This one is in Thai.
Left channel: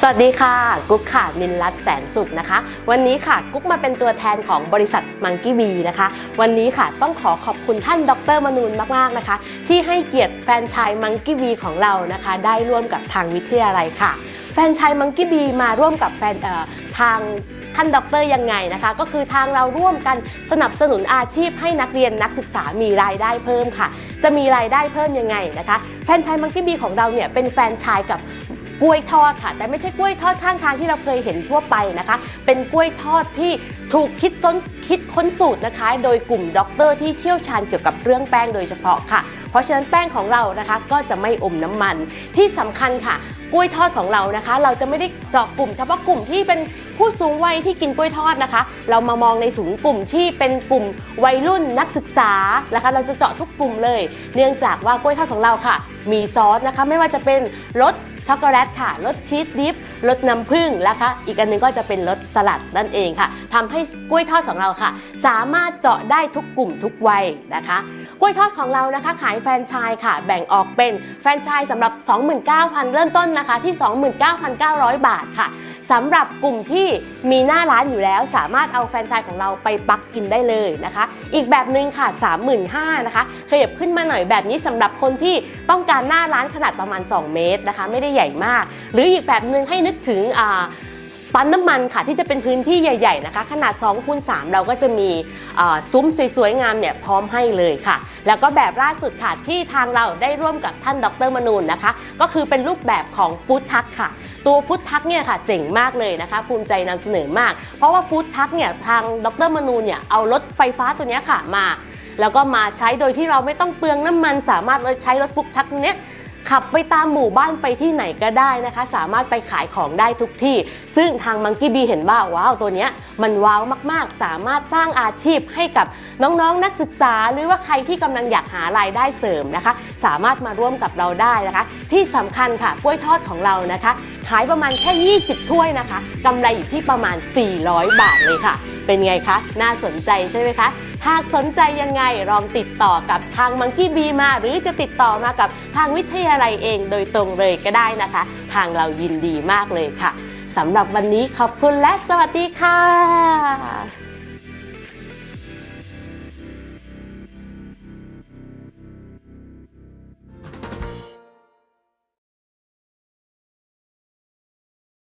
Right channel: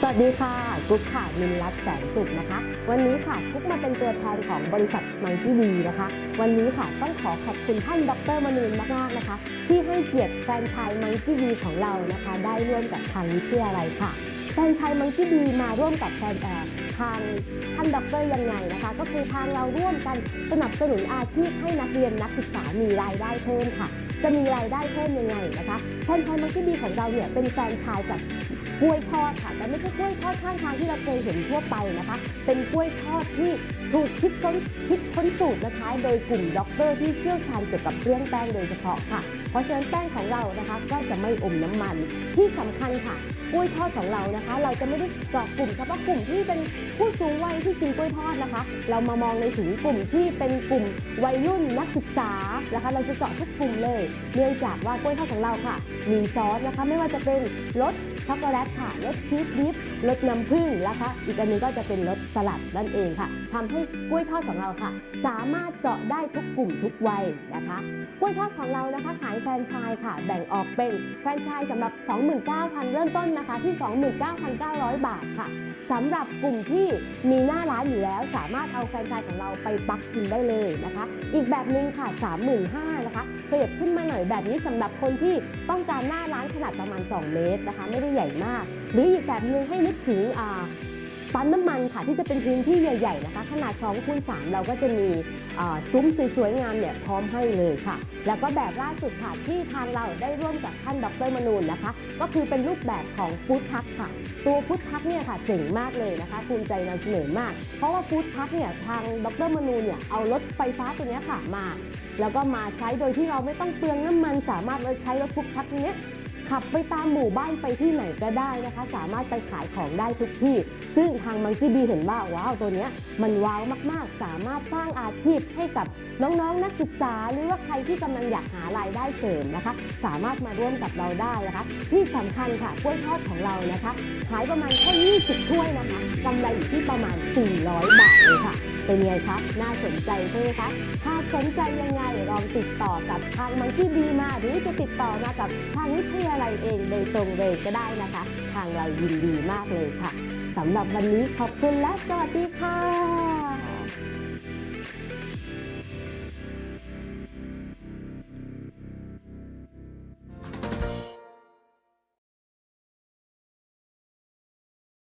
สวัสดีค่ะ กุ๊กค่ะนินรัตแสนสุขนะคะ วันนี้ค่ะกุ๊กมาเป็นตัวแทนของบริษัทมังกี้วีนะคะ วันนี้ค่ะต้องขอขอบคุณท่านดรมนูนมากๆนะคะ ที่ให้เกียรติแฟนชายมังกี้วีของเรานะคะ ได้ร่วมกับทางวิทยาลัยค่ะ แฟนชายมังกี้บีมาร่วมกับแฟนทางท่านด็อกเตอร์ยังไงนะคะ ก็คือทางเราร่วมกันสนับสนุนอาชีพให้นักเรียนนักศึกษามีรายได้เพิ่มค่ะ จะมีรายได้เพิ่มยังไงนะคะ แฟนชายมังกี้บีของเราเนี่ยเป็นแฟนชายกับ กล้วยทอดค่ะ แต่ไม่ใช่กล้วยทอดข้างทางที่เราเคยเห็นทั่วไปนะคะ เป็นกล้วยทอดที่ถูกคิดค้นคิดค้นสูตรนะคะ โดยกลุ่มด็อกเตอร์ที่เชี่ยวชาญเกี่ยวกับเรื่องแป้งโดยเฉพาะค่ะ เพราะฉะนั้นแป้งของเรานะคะก็จะไม่อมน้ำมันที่สำคัญค่ะกล้วยทอดของเรานะคะ เราจะไม่ได้เจาะกลุ่มเฉพาะกลุ่มที่เป็นผู้สูงวัยที่กินกล้วยทอดนะคะ เรามามองในถุงกลุ่มที่เป็นกลุ่มวัยรุ่นนักศึกษานะคะ เราจะเจาะทุกกลุ่มเลย เนื่องจากว่ากล้วยทอดของเราค่ะ มีซอสนะคะ ไม่ว่าจะเป็นรส ช็อกโกแลตค่ะรสชีสดิฟรสน้ำผึ้งแล้วค่ะอีกอันหนึงก็จะเป็นรสสลัดนั่นเองค่ะทำให้กล้วยทอดของเราค่ะ สามารถเจาะได้ทุกกลุ่มทุกวัยนะคะกล้วยทอดของเรานะคะ ขายแฟรนไชส์ค่ะ แบ่งออกเป็นแฟรนไชส์สำหรับ 29,000 เริ่มต้นนะคะที่ 29,900 บาทค่ะสำหรับกลุ่มที่มีหน้าร้านอยู่แล้ว สามารถเอาแฟรนไชส์ของเราไปปักกินได้เลยนะคะ อีกแบบหนึ่งค่ะ 35,000นะคะขยับขึ้นมาหน่อยแบบนี้สำหรับคนที่ต้องการหน้าร้านขนาดประมาณ 2 เมตรนะคะ ไม่ได้ใหญ่มาก หรืออีกแบบหนึ่งให้นึกถึงปั๊มน้ำมันค่ะที่จะเป็นพื้นที่ใหญ่ๆนะคะ ขนาด2คูณ3เราก็จะมีซุ้มสวยๆงามเนี่ยพร้อมให้เลยค่ะ แล้วก็แบบล่าสุดค่ะที่ทางเราได้ร่วมกับท่านดรมนูนนะคะ ก็คือเป็นรูปแบบของฟู้ดทักค่ะ ตัวฟู้ดทักเนี่ยค่ะเจ๋งมากเลยนะคะ ภูมิใจนำเสนอมาก เพราะว่าฟู้ดทักเนี่ยทางดรมนูนเนี่ยเอารถไฟฟ้าตัวนี้ค่ะมา แล้วก็มาใช้โดยที่เราไม่ต้องเปลืองน้ำมันสามารถใช้รถฟุกทักเนี้ย ขับไปตามหมู่บ้านไปที่ไหนก็ได้นะคะ สามารถไปขายของได้ทุกที่ ซึ่งทางมังกี้บีเห็นว่าว้าวตัวเนี้ยมันว้าวมากๆ สามารถสร้างอาชีพให้กับน้องๆนนักศึกษา หรือว่าใครที่กำลังอยากหารายได้เสริมนะคะ สามารถมาร่วมกับเราได้นะคะ ที่สำคัญค่ะกล้วยทอดของเรานะคะ ขายประมาณแค่ 20 ถ้วยนะคะกำไรอยู่ที่ประมาณ 400 บาทเลยค่ะ เป็นไงคะ น่าสนใจใช่ไหมคะ หากสนใจยังไงลองติดต่อกับทางมังคีบีมา หรือจะติดต่อมากับทางวิทยาลัยเองโดยตรงเลยก็ได้นะคะ ทางเรายินดีมากเลยค่ะสำหรับวันนี้ขอบคุณและสวัสดีค่ะ